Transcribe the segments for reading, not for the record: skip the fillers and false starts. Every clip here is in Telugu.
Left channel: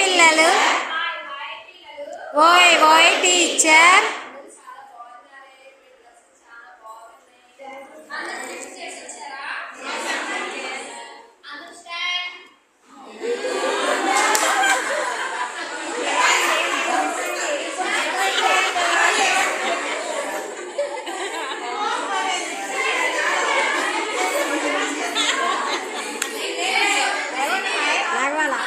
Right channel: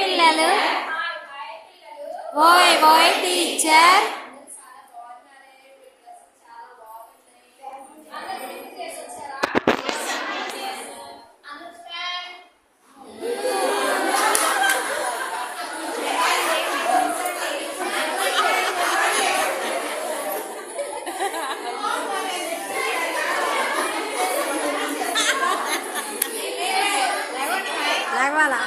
పిల్లలు. ఓయ్ ఓయ్ టీచర్. లాగవాలా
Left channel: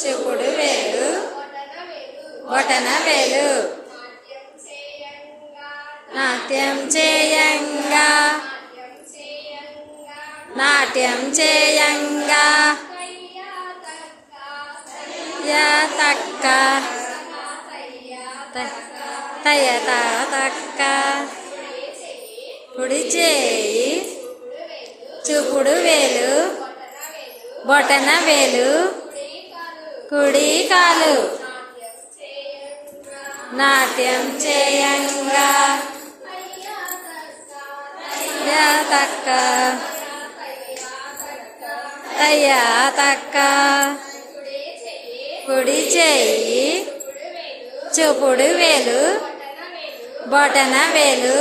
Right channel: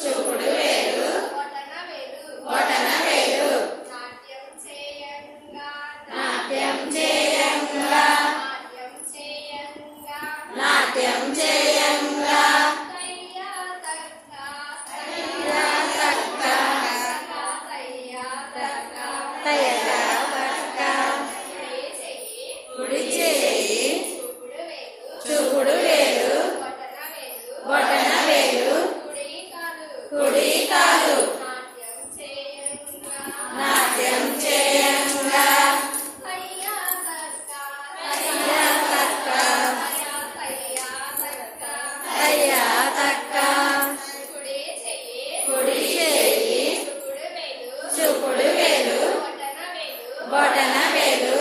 చూపుడు వేలు బొటన వేలు నాట్యం చేయంగా నాట్యం చేయంగా తక్క తయ్యత తక్క కుడి చేయి చూపుడు వేలు బొటన వేలు కుడి కాలు నాట్యం చేయంగా తక్క తయ్యా తక్క కుడి చేయి చూపుడు వేలు బొటన వేలు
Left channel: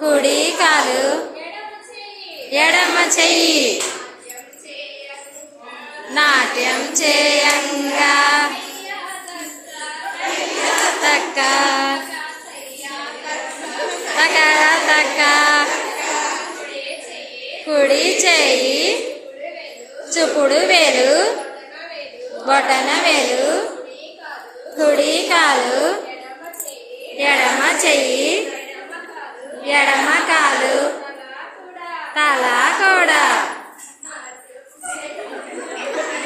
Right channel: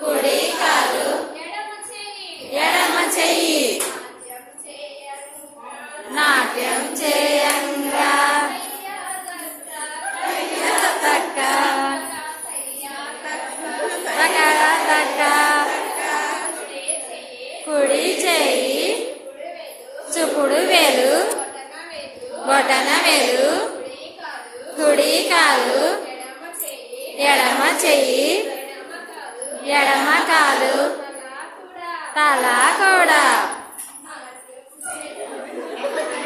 కుడి కాలు ఎడమ చెయ్యి నాట్యం చేయంగా తక్క తక్క తక్క కుడి చేయి చూపుడు వేలు బొటన వేలు కుడి కాలు ఎడమ చెయ్యి ఎడమ కాలు తల కూడా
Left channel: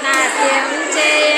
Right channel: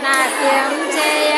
నాట్యం చేయ